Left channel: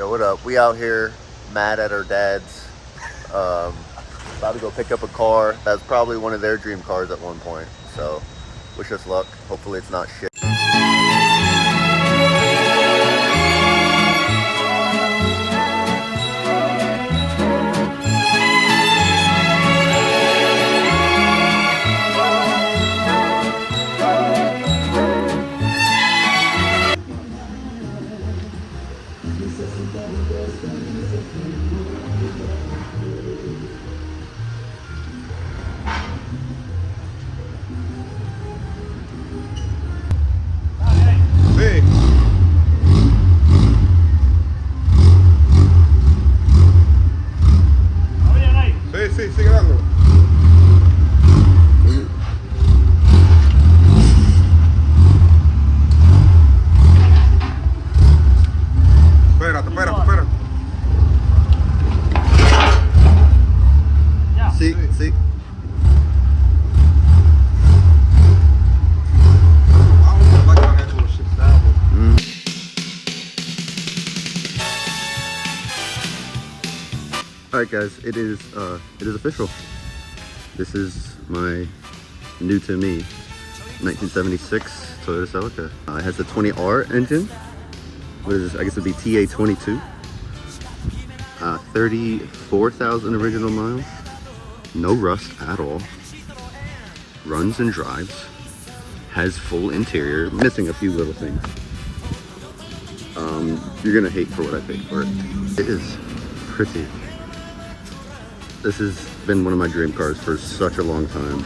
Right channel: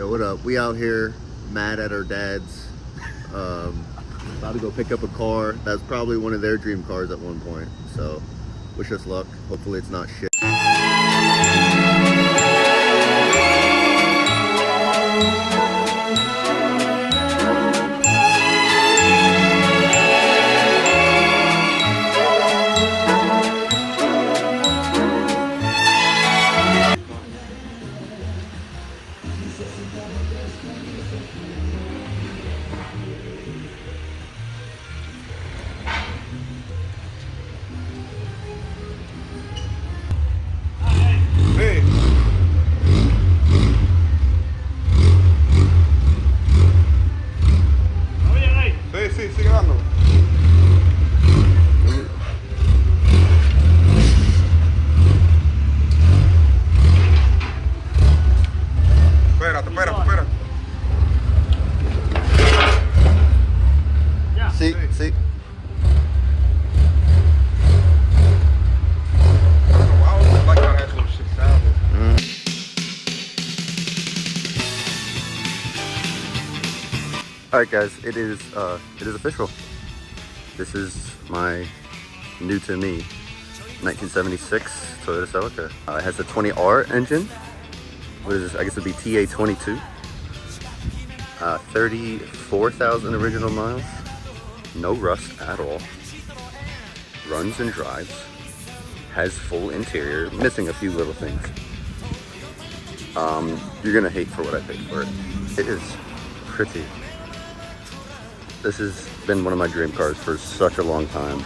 Yo, what up? We out here mad at our dads. About to go pick up a car. That's probably one of their dream cars at one point. So wish us luck. Hopefully it's not shit. Sí. Alright guys, it is official. This is my new to me 1976 Toyota Celica. It has a 20R engine, which is, I guess it would be TA22. 34,000 original miles. No rust at all. Runs and drives. Has full interior, missing a few little things. You're gonna hate for what I paid for it. It is pretty. This has been one of my dream cars for such a long time.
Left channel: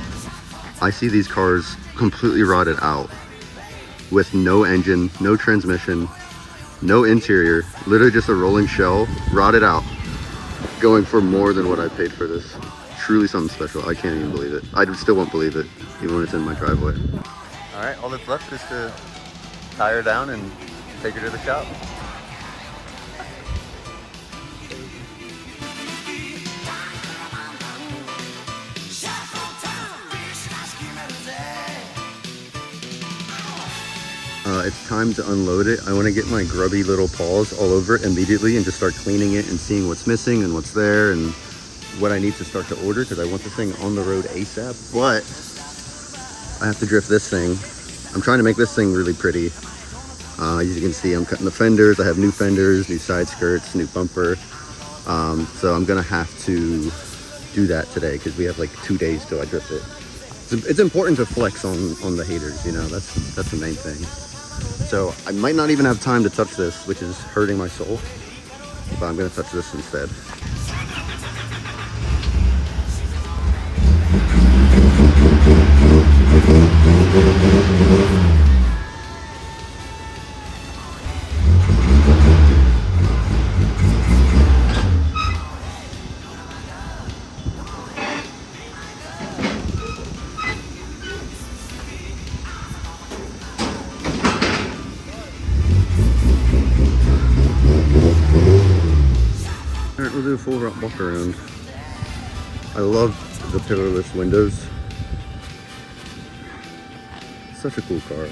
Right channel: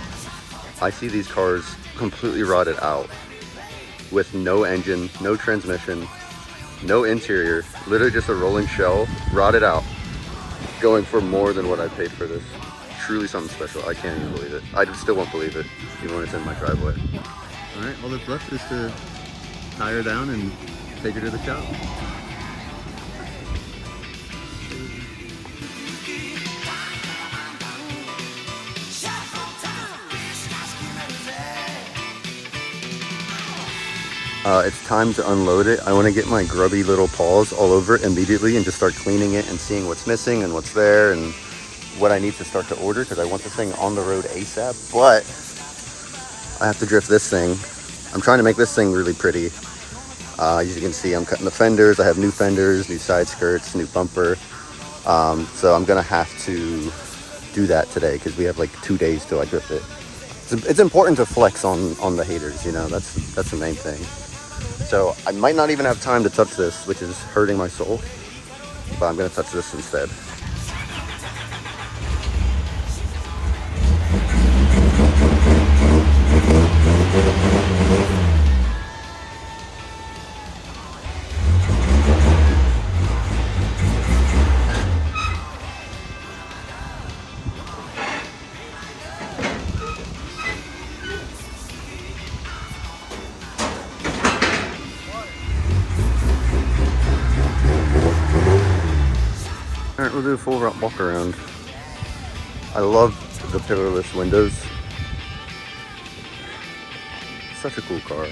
I see these cars completely rotted out with no engine, no transmission, no interior, literally just a rolling shell, rotted out, going for more than what I paid for this. Truly something special. I can't even believe it. I still won't believe it, even when it's in my driveway. All right, all that's left is to tie her down and take her to the shop. It's time to unload it. I want to get my grubby little paws all over it immediately and just start cleaning it and seeing what's missing and what's there and what I need to start to order, because I want this thing on the road ASAP. But I have to drift this thing. I'm trying to make this thing really pretty. As you can see, I'm cutting the fenders. I have new fenders, new side skirts, new bumper. So I'm gonna have to do that today because we have like 2 days till I drift it. It's important to flex on the haters, you know, that's the main thing. So I might not even have time to touch this, which is hurting my soul, but I'm gonna touch this instead. Alright, we'll do a full walk around. I love the pillarless windows. Such a cool car.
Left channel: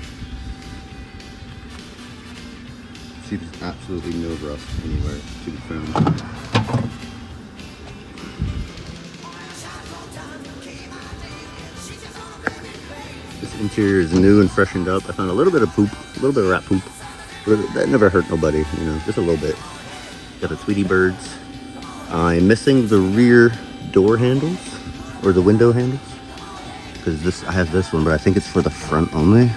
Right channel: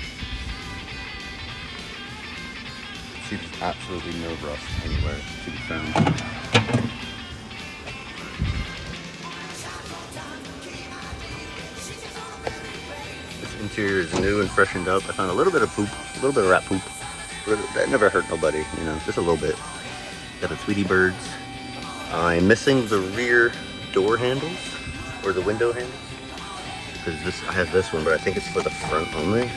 See, there's absolutely no rust anywhere to be found. This interior is new and freshened up. I found a little bit of poop, a little bit of rat poop. That never hurt nobody, you know, just a little bit. Got the Tweety birds. I'm missing the rear door handles, or the window handles, because I have this one, but I think it's for the front only.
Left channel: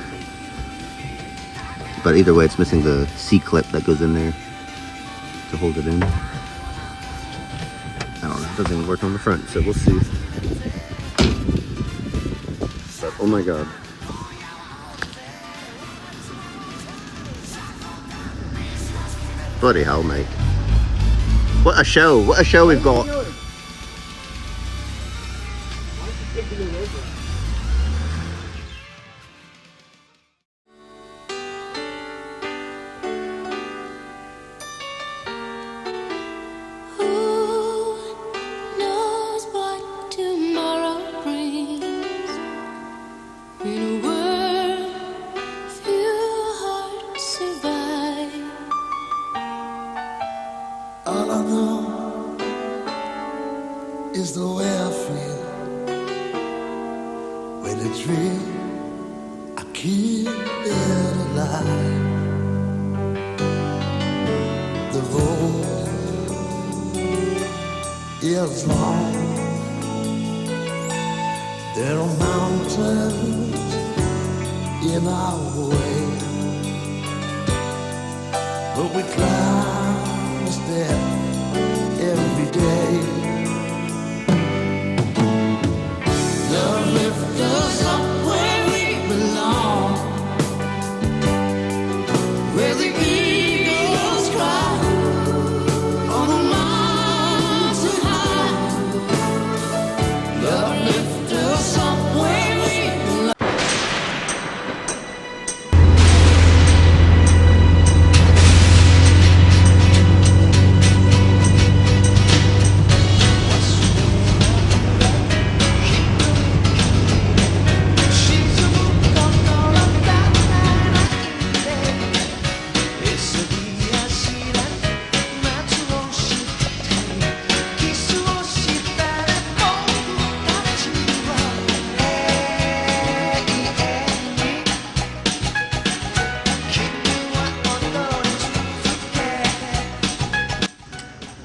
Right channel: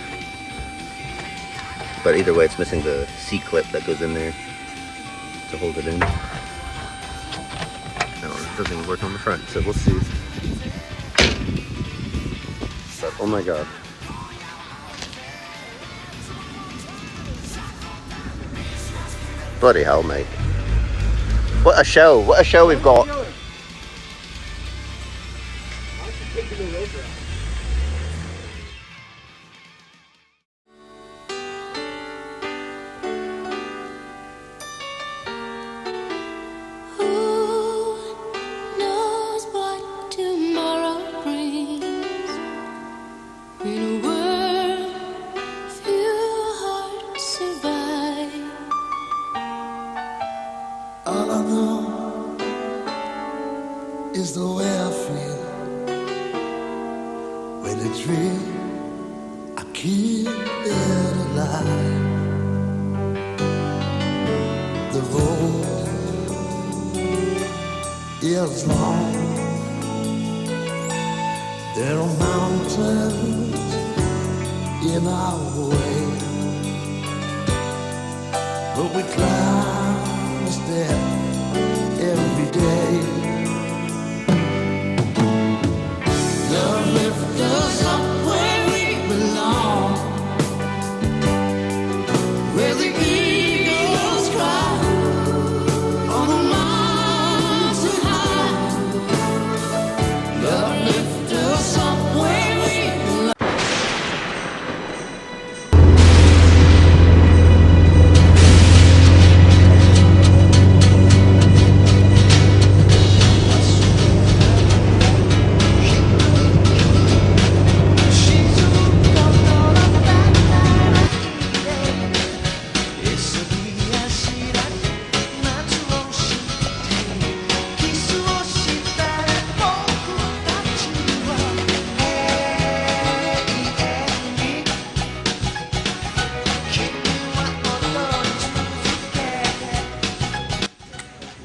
But either way, it's missing the C-clip that goes in there to hold it in. I don't know, it doesn't even work on the front, so we'll see. But oh my god. Bloody hell, mate. What a show we've got. I know is the way I feel when a dream I keep it alive. The road is long. There are mountains in our way, but we climb a step every day. Love lifts us up where we belong, where the eagles cry on the mountain high. Love lifts us up where we belong.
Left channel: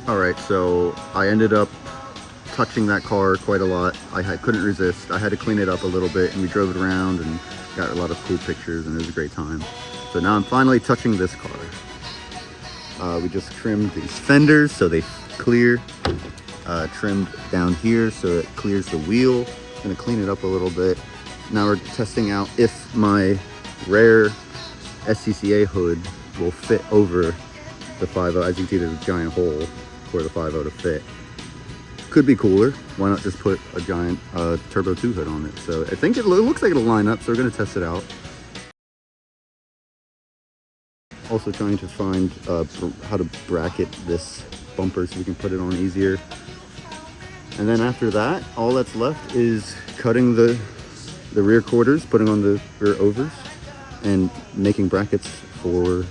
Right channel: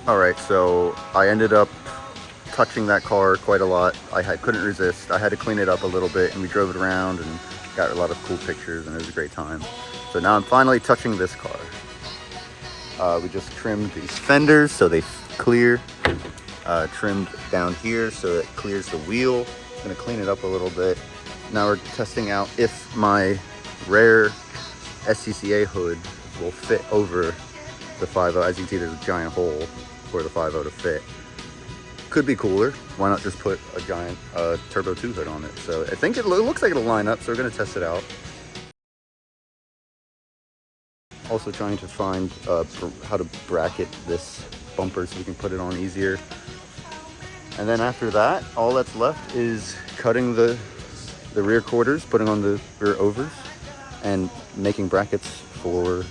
All right, so I ended up touching that car quite a lot. Couldn't resist. I had to clean it up a little bit, and we drove it around and got a lot of cool pictures, and it was a great time. So now I'm finally touching this car. We just trimmed these fenders so they clear. Trimmed down here so it clears the wheel. Gonna clean it up a little bit. Now we're testing out if my rare SCCA hood will fit over the 5.0. As you can see, there's a giant hole for the 5.0 to fit. Could be cooler. Why not just put a giant Turbo 2 hood on it? So I think it looks like it'll line up, so we're gonna test it out. Also trying to find how to bracket this bumper so we can put it on easier. And then after that, all that's left is cutting the rear quarters, putting on the rear overs, and making brackets for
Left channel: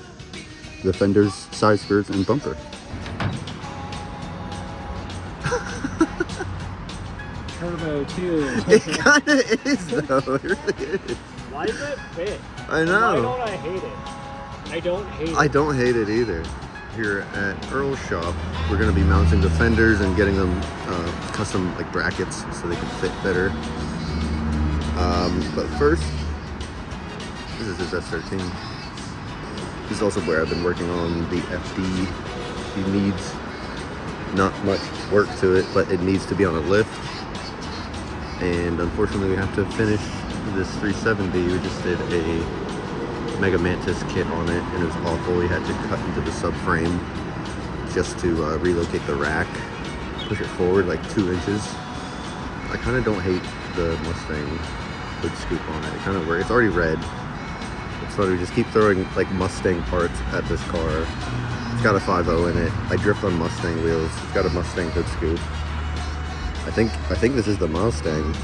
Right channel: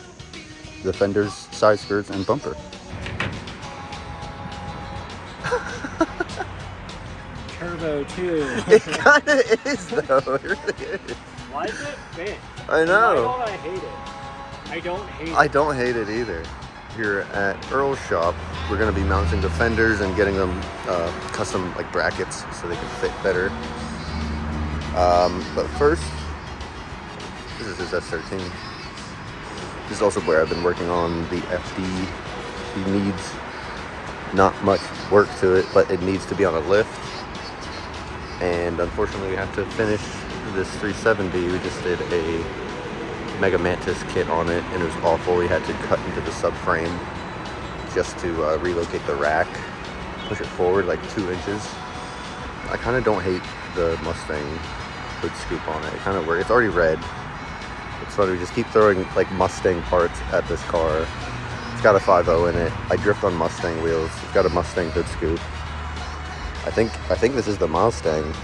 the fenders, side skirts, and bumper. Turbo 2. It kind of is though, it really is. Why is it fit? I know. I hate it. I don't hate it. I don't hate it either. Here at Earl's shop, we're gonna be mounting the fenders and getting them custom like brackets so they can fit better. But first, this is his F13. This is also where I've been working on the FD. She needs not much work to it, but it needs to be on a lift. And unfortunately, we have to finish this 370. We just did a Mega Mantis kit on it, and it was awful. We had to cut into the subframe just to relocate the rack, push it forward like 2 inches. I kind of don't hate the Mustang hood scoop on it. It kind of works. It's already red. It's funny, we just keep throwing like Mustang parts at this car. It's got a 5.0 in it. I drift on Mustang wheels. It's got a Mustang hood scoop. I think this is the Mustang.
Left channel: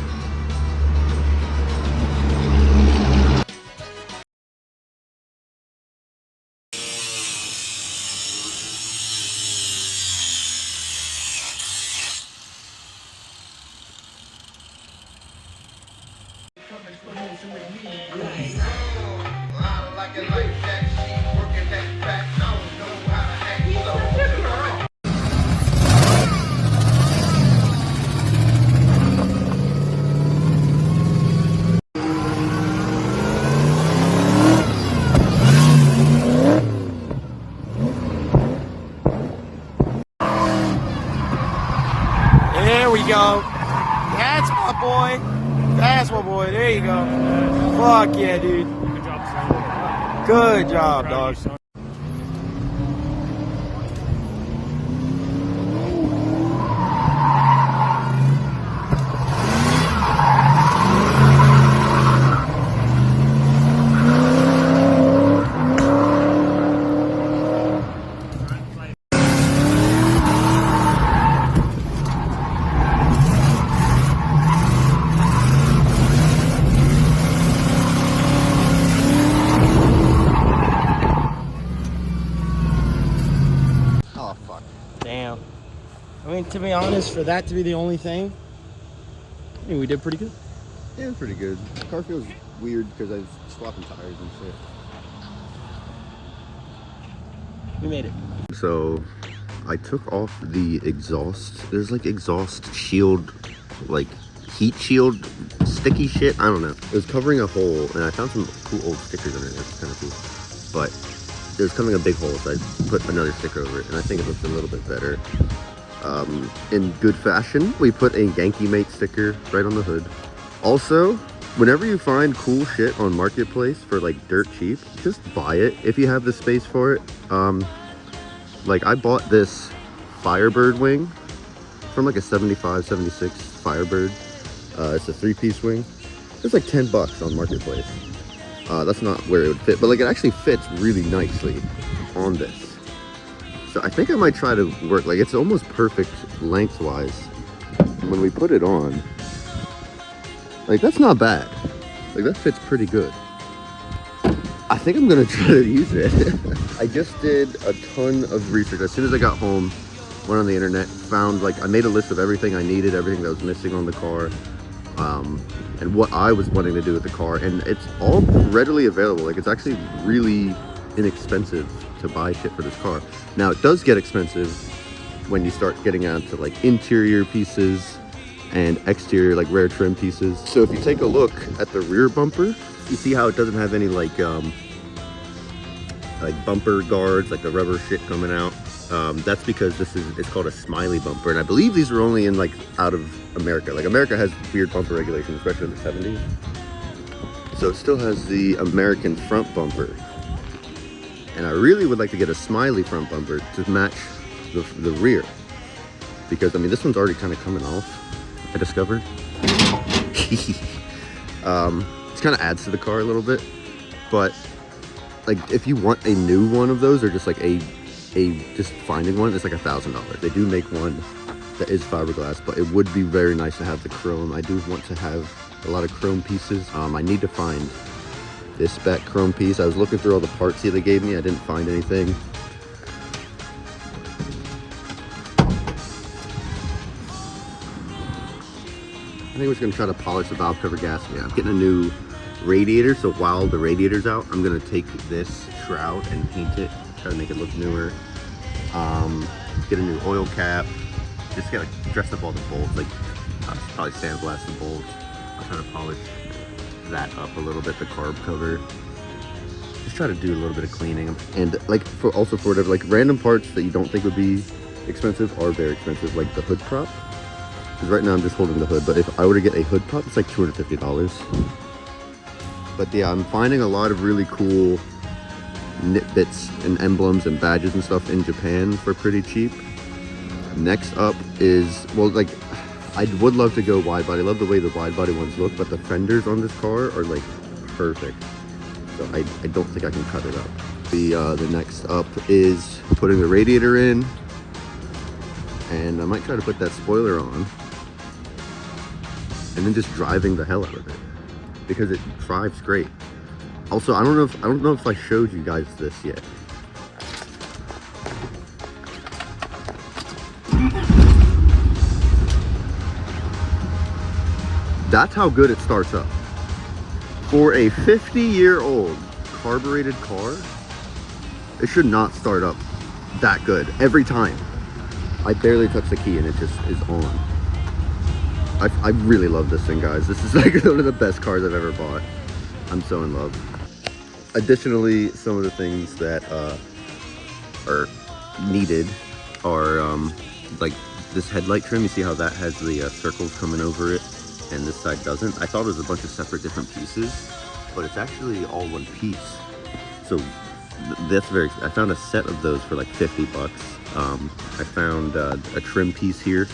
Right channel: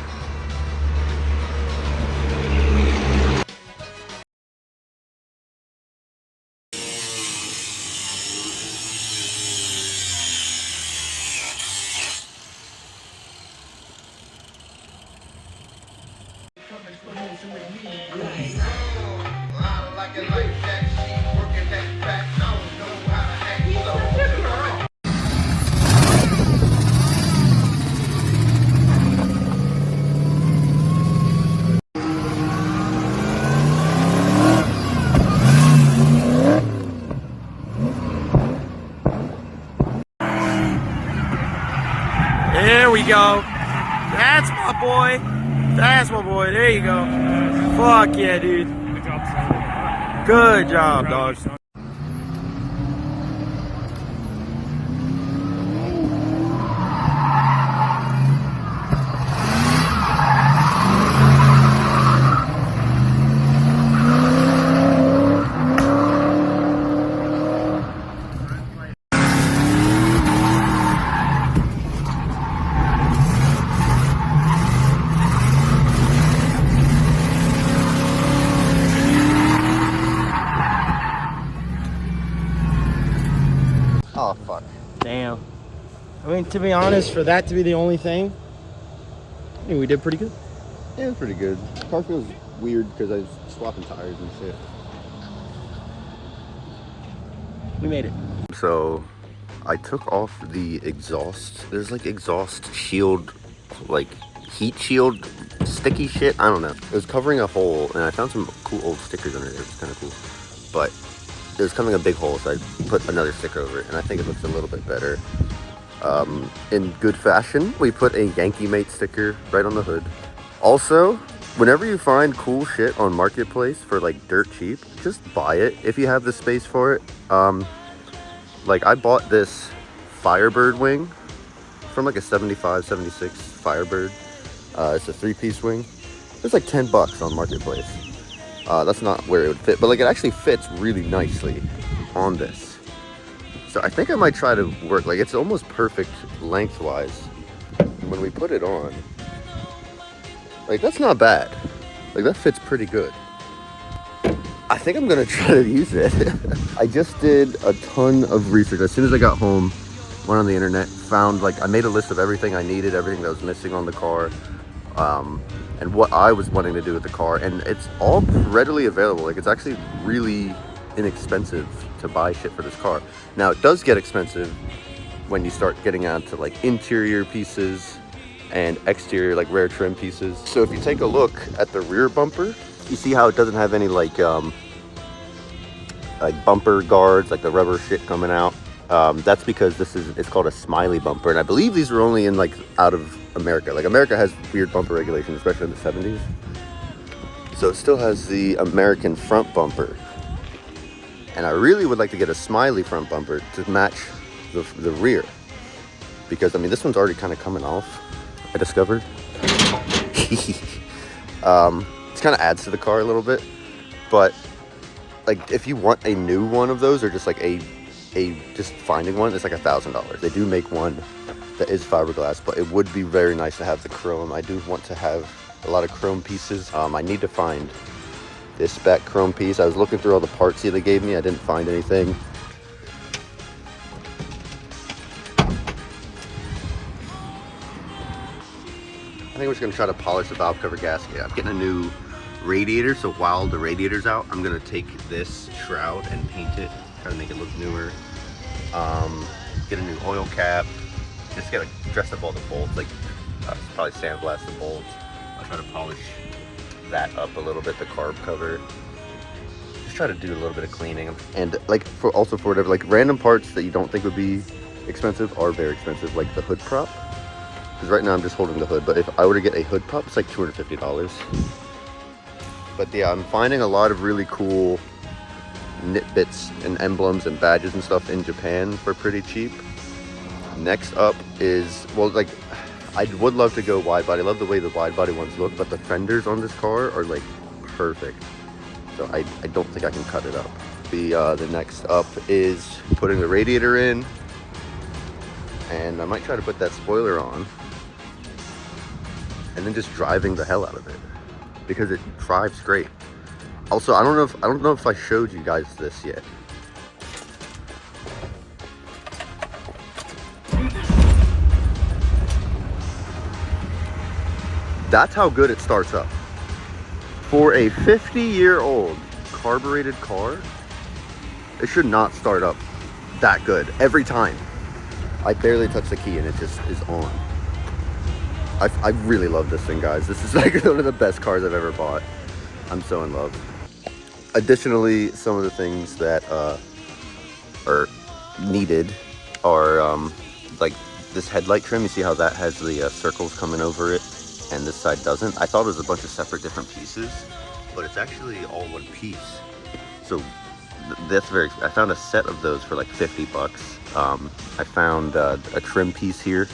There we go. That's my boy. That's my boy. There you go. Fuck yeah, dude. Good job, son. Good job, dog. Oh fuck. Damn. I mean, to be honest, for that to be the only thing, I think we did pretty good. Yeah, it's pretty good. The car feels weird because I was swapping tires and shit. We made it. So I took off the exhaust. There's like exhaust shield, like heat shield, sticky shit. I don't know. It was covering a hole, and I found some cool old stickers under it. It was kind of cool. But it was coming a big hole, so I put another sticker over it, and I think it looks a little bit better. In good fashion, we put a Yankee Mate sticker right on the hood. Also, whenever you find cool shit on Marketplace for like dirt cheap, just buy it if you have the space for it. Like I bought this Firebird wing from like a 75, 76 Firebird. It's a 3-piece wing. It's like $10 on Marketplace. That's not where it would fit, but like it actually fits really nicely on this. So I think I might try to work, like it's almost perfect lengthwise. When we put it on, like that's not bad. Like that fits pretty good. I think I'm gonna try to use it. I just did a ton of research. As soon as I got home, went on the internet, found like, I made a list of everything I needed, everything that was missing on the car, and what I was wanting to do with the car, and it's all readily available. Like it's actually really inexpensive to buy shit for this car. Now it does get expensive when you start getting onto like interior pieces and exterior like rare trim pieces. So if you take a look at the rear bumper, you see how it doesn't have any like bumper guards, like the rubber shit coming out. That's because it's called a smiley bumper, and I believe these are only in like out of America. Like America has weird bumper regulations, especially in the 70s. So it still has the American front bumper. And I really would like to get a smiley front bumper to match the rear. Because, I mean, this one's already kind of coming off, I discovered. It kind of adds to the car a little bit. But, like, if you want a new one of those, or just like just finding one, it's like $1,000. They do make one that is fiberglass, but it would be very nice to have the chrome. I do want to have a lot of chrome pieces. I need to find this spec chrome piece. I was looking through all the parts here they gave me. I didn't find anything. I think we're just gonna try to polish the valve cover gasket. I'm getting a new radiator, so while the radiator's out, I'm gonna take this shroud and paint it, try to make it look newer. Get a new oil cap. Just gotta dress up all the bolts, like probably sandblast the bolts. I'll try to polish that up a little bit, the carb cover. Just try to do a little bit of cleaning, and like for whatever, like random parts that you don't think would be expensive are very expensive, like the hood prop. Because right now I'm just holding the hood, but if I were to get a hood prop, it's like $250. But yeah, I'm finding a lot of really cool nitbits and emblems and badges and stuff in Japan for pretty cheap. Next up is, well, like I would love to go wide body. I love the way the wide body ones look, but the fenders on this car are like perfect. So I don't think I can cut it up. The next up is putting the radiator in, and I might try to put that spoiler on, and then just driving the hell out of it because it drives great. Also, I don't know if I showed you guys this yet. That's how good it starts up. For a 50-year-old carbureted car, it should not start up that good every time. I barely touch the key and it just is on. I really love this thing, guys. This is like one of the best cars I've ever bought. I'm so in love. Additionally, some of the things that are needed are like this headlight trim. You see how that has the circles coming over it, and this side doesn't. I thought it was a bunch of separate different pieces, but it's actually all one piece. So that's I found a set of those for like $50. I found a trim piece here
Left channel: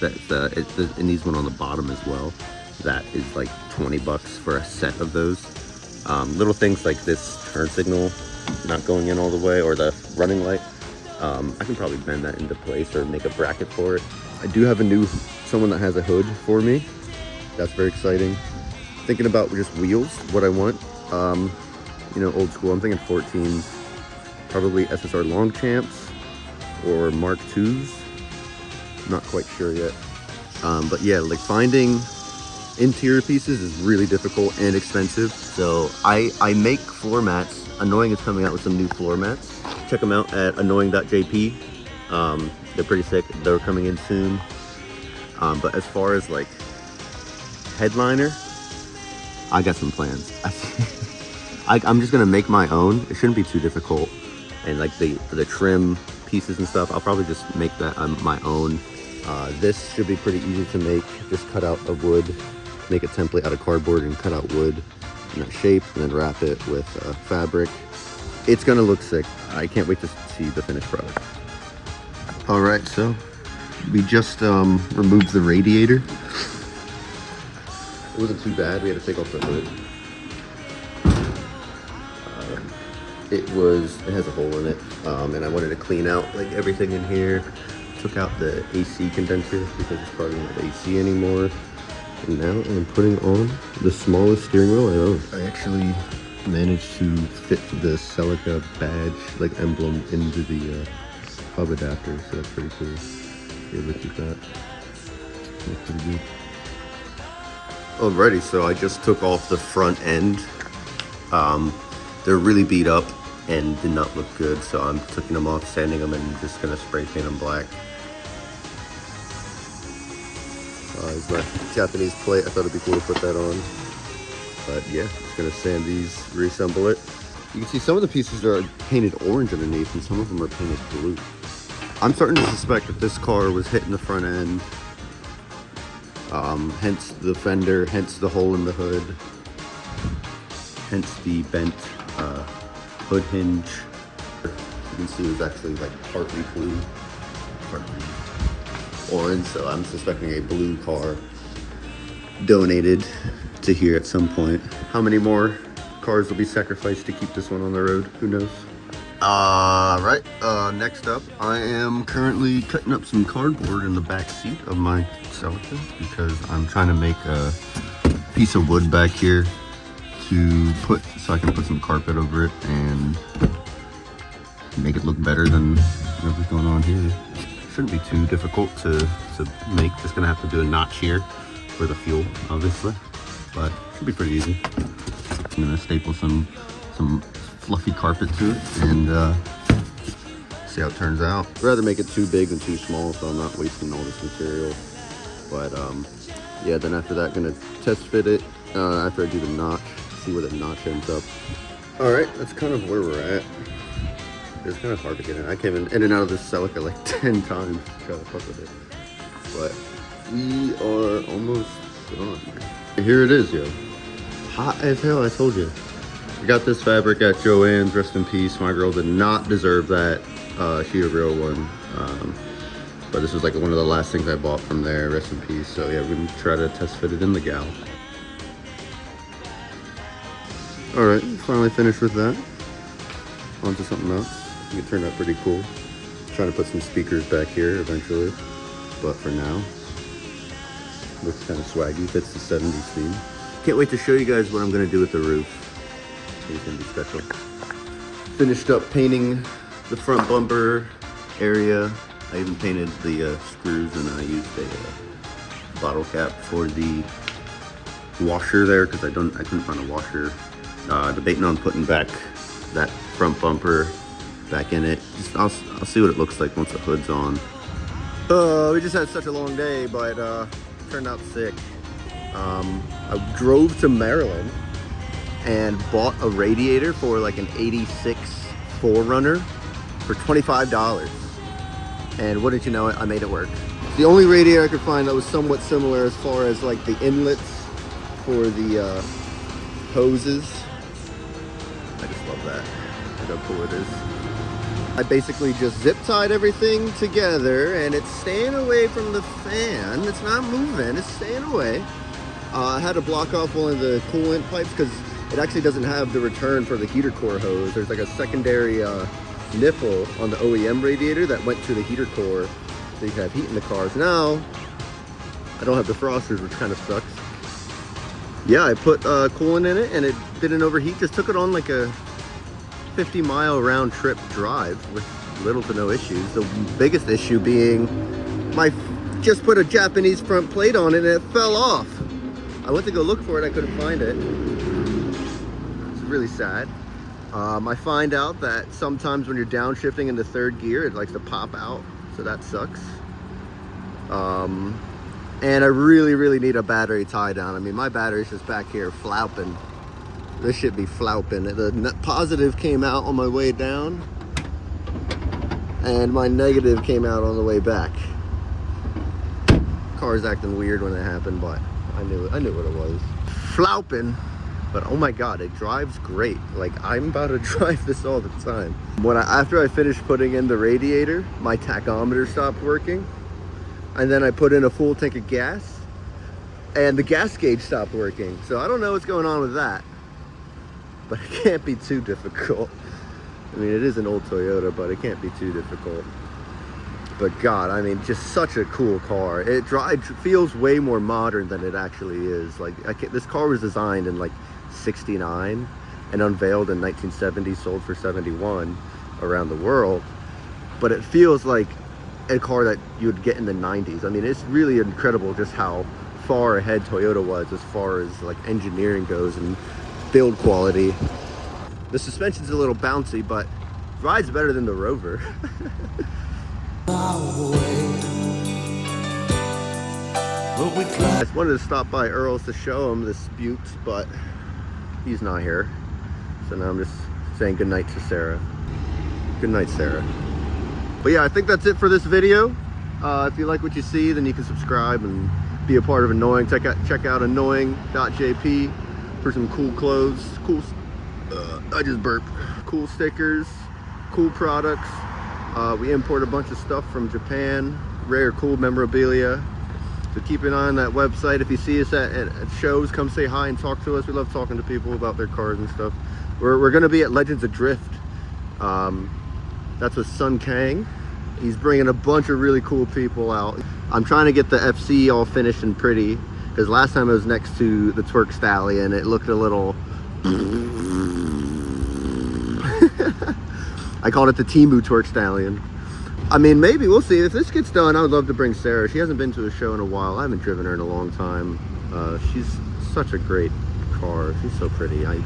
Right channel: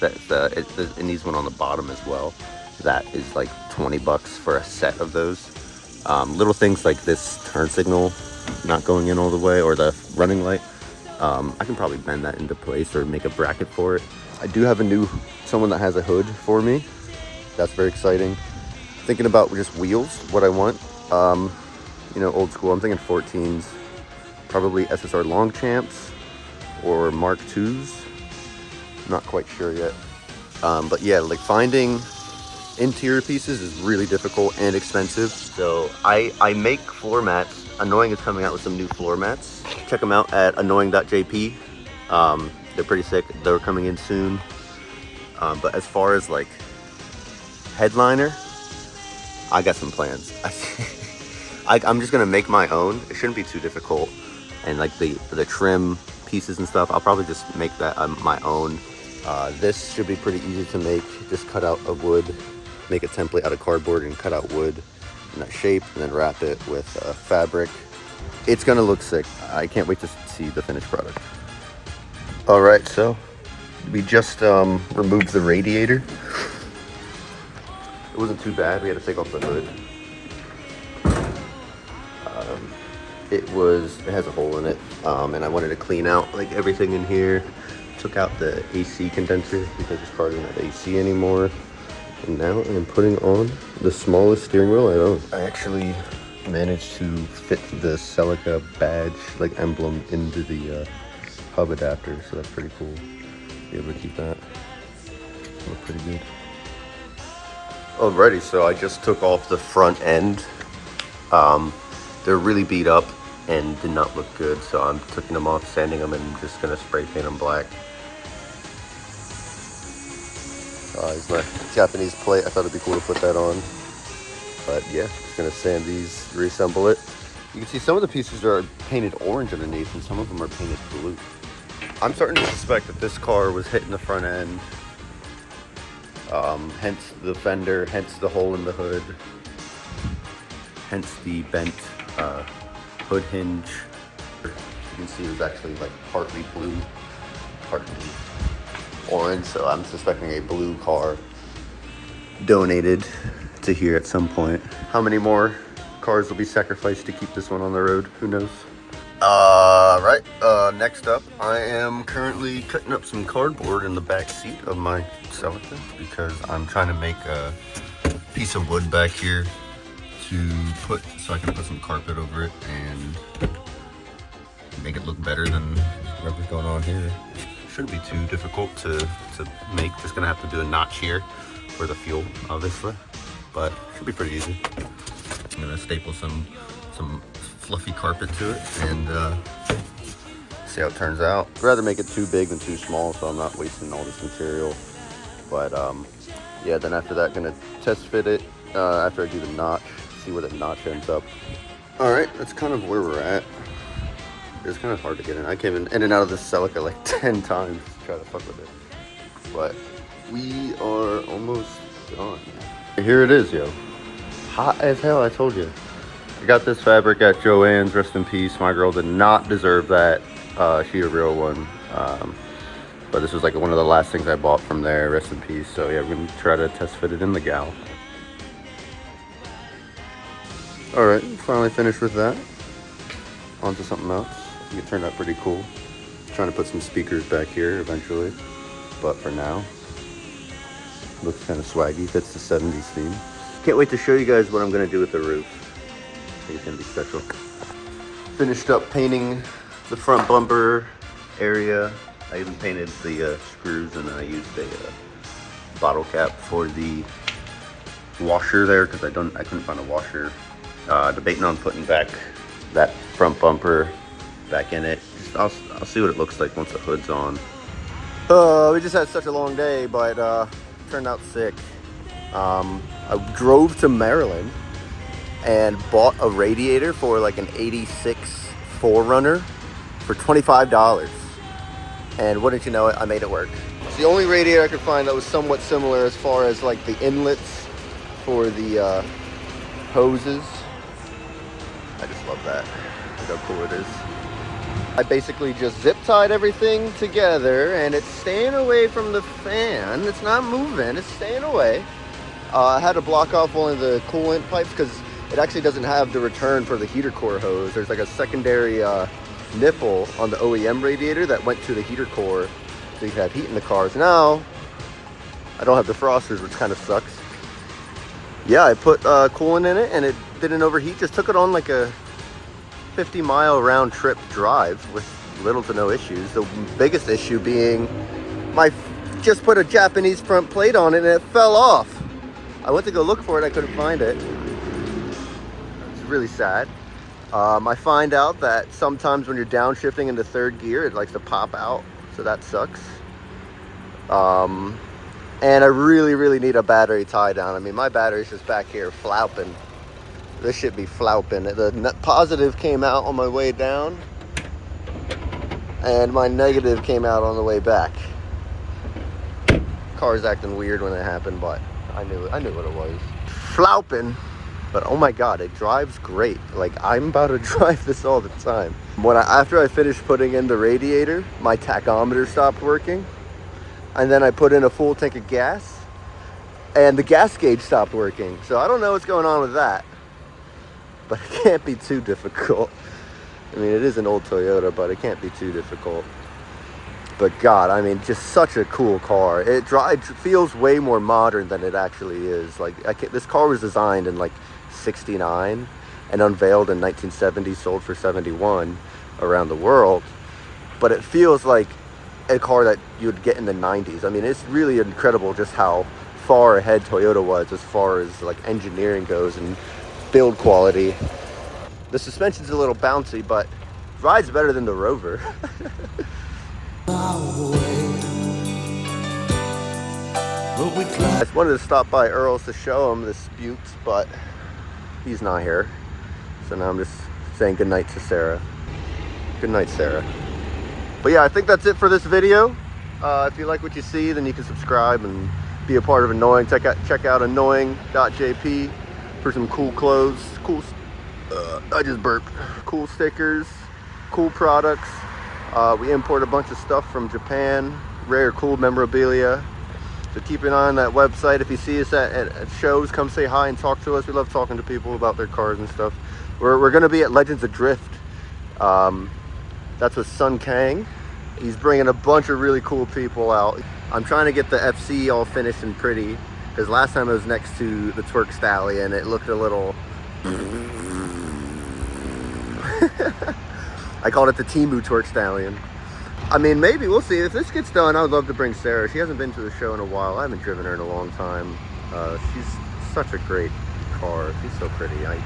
that it needs one on the bottom as well. That is like $20 for a set of those. Little things like this turn signal not going in all the way, or the running light. I can probably bend that into place or make a bracket for it. I do have someone that has a hood for me. That's very exciting. Thinking about just wheels, what I want. You know, old school. I'm thinking 14s, probably SSR Longchamps, or Mark IIs. Not quite sure yet. But yeah, like finding interior pieces is really difficult and expensive. So I make floor mats. Annoying is coming out with some new floor mats. Check them out at annoying.jp. They're pretty sick. They're coming in soon. But as far as like headliner, I got some plans. I'm just gonna make my own. It shouldn't be too difficult. And like the trim pieces and stuff, I'll probably just make that my own. This should be pretty easy to make. Just cut out a wood, make a template out of cardboard and cut out wood in that shape, and then wrap it with fabric. It's gonna look sick. I can't wait to see the finished product. All right, so we just removed the radiator. It wasn't too bad. We had to take off the hood. It has a hole in it, and I wanted to clean out like everything in here. Took out the AC condenser because this car doesn't have AC anymore. And now I'm putting on the smallest steering wheel I own. I actually managed to fit the Celica badge, like emblem, into the hub adapter, so that's pretty cool. Be able to keep that. Looks pretty good. Alrighty, so I just took off the front end. They're really beat up and did not look good, so I'm taking them off, sanding them, and just gonna spray paint them black. Here's my Japanese plate. I thought it'd be cool to put that on. But yeah, just gonna sand these, reassemble it. You can see some of the pieces are painted orange underneath and some of them are painted blue. I'm starting to suspect that this car was hitting the front end. Hence the fender, hence the hole in the hood, hence the bent hood hinge. You can see it was actually like partly blue, partly orange, so I'm suspecting a blue car donated to here at some point. How many more cars will be sacrificed to keep this one on the road? Who knows? Right, next up, I am currently cutting up some cardboard in the back seat of my Celica because I'm trying to make a piece of wood back here to put, so I can put some carpet over it and make it look better than whatever's going on here. Shouldn't be too difficult to make. Just gonna have to do a notch here for the fuel, obviously, but should be pretty easy. I'm gonna staple some fluffy carpet to it and see how it turns out. I'd rather make it too big than too small, so I'm not wasting all this material. But yeah, then after that, gonna test fit it after I do the notch, see where the notch ends up. All right, that's kind of where we're at. It's kind of hard to get in. I came in and out of this Celica like 10 times to try to fuck with it. But we are almost done. Here it is, yo. Hot as hell, I told you. I got this fabric at Joann's, rest in peace. My girl did not deserve that. She a real one. But this was like one of the last things I bought from there, rest in peace. So yeah, we're gonna try to test fit it in the gal. All right, finally finished with that. On to something else. I think it turned out pretty cool. Trying to put some speakers back here eventually, but for now, looks kind of swaggy. Fits the 70s theme. Can't wait to show you guys what I'm gonna do with the roof. It's gonna be special. Finished up painting the front bumper area. I even painted the screws, and then I used a bottle cap for the washer there because I couldn't find a washer. Debating on putting back that front bumper back in it. I'll see what it looks like once the hood's on. We just had such a long day, but turned out sick. I drove to Maryland and bought a radiator for like an 86 4Runner for $25. And wouldn't you know it, I made it work. It's the only radiator I could find that was somewhat similar as far as like the inlets for the hoses. I just love that. Look how cool it is. I basically just zip tied everything together and it's staying away from the fan. It's not moving, it's staying away. I had to block off one of the coolant pipes because it actually doesn't have the return for the heater core hose. There's like a secondary nipple on the OEM radiator that went to the heater core so you can have heat in the cars. Now, I don't have defrosters, which kind of sucks. Yeah, I put coolant in it and it didn't overheat. Just took it on like a 50-mile round trip drive with little to no issues. The biggest issue being just put a Japanese front plate on it and it fell off. I went to go look for it, I couldn't find it. It's really sad. I find out that sometimes when you're downshifting into third gear, it likes to pop out, so that sucks. And I really need a battery tie down. I mean, my battery's just back here flopping. This should be flopping. The net positive came out on my way down, and my negative came out on the way back. Car's acting weird when it happened, but I knew what it was. Flopping, but oh my god, it drives great. Like, I'm about to drive this all the time. After I finished putting in the radiator, my tachometer stopped working. And then I put in a full tank of gas and the gas gauge stopped working. So I don't know what's going on with that, but it can't be too difficult. I mean, it is an old Toyota, but it can't be too difficult. But God, I mean, just such a cool car. It feels way more modern than it actually is. Like, this car was designed in like 69 and unveiled in 1970, sold for 71 around the world. But it feels like a car that you would get in the 90s. I mean, it's really incredible just how far ahead Toyota was as far as like engineering goes and build quality. The suspension's a little bouncy, but rides better than the Rover. I just wanted to stop by Earl's to show him this Buttes, but he's not here. So now I'm just saying goodnight to Sarah. Good night, Sarah. But yeah, I think that's it for this video. If you like what you see, then you can subscribe and be a part of Annoying. Check out annoying.jp for some cool clothes, I just burped. Cool stickers, cool products. We import a bunch of stuff from Japan, rare cool memorabilia. So keep an eye on that website. If you see us at shows, come say hi and talk to us. We love talking to people about their cars and stuff. We're gonna be at Legends of Drift. That's with Sun Kang. He's bringing a bunch of really cool people out. I'm trying to get the FC all finished and pretty, because last time I was next to the Twerk Stallion, it looked a little... I called it the Temu Twerk Stallion. I mean, maybe, we'll see. If this gets done, I would love to bring Sarah. She hasn't been to a show in a while. I haven't driven her in a long time. She's such a great car. She's so pretty. I'm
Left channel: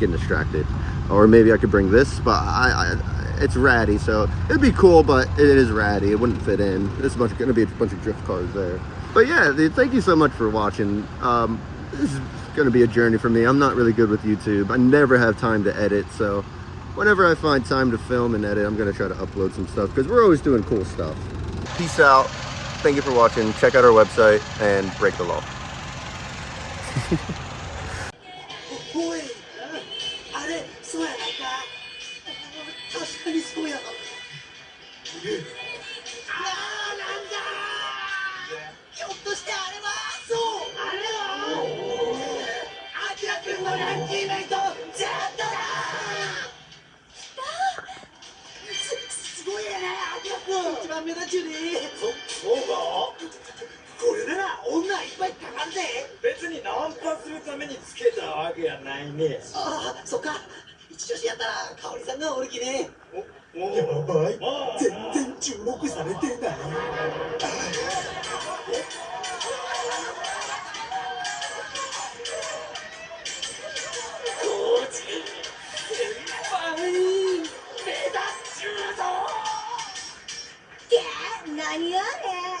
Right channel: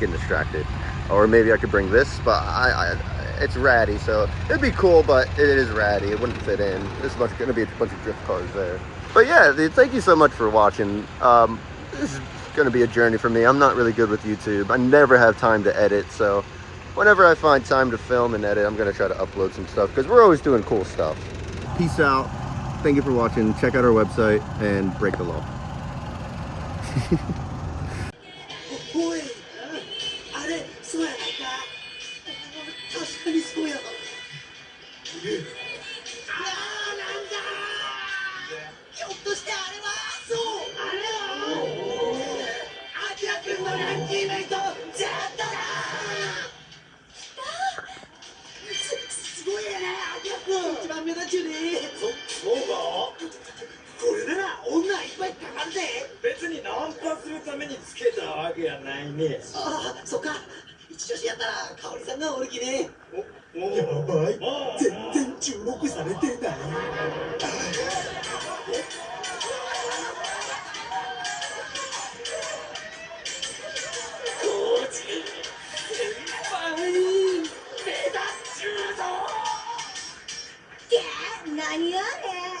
getting distracted. Or maybe I could bring this, but it's ratty, so it'd be cool, but it is ratty. It wouldn't fit in. There's gonna be a bunch of drift cars there. But yeah, thank you so much for watching. This is gonna be a journey for me. I'm not really good with YouTube. I never have time to edit, so whenever I find time to film and edit, I'm gonna try to upload some stuff, because we're always doing cool stuff. Peace out. Thank you for watching. Check out our website and break the law. おい、あれ、そうやないか。確かにそうやわ。なんだ。ひょっとしてあれは、そう、あれは。アキラ君のラッキーメイト、ジェットだ。すごいやね、アキラ君。一番目立ちゅうね。そうか。これなら女いっぱいかかるぜ。別にナンパするためにつけたわけやないね。ああ、そっか。一女子やったら香織さんがおるきね。やばい。全然注目されてない。コーチ先輩目立っちゅうぞ。何あれ。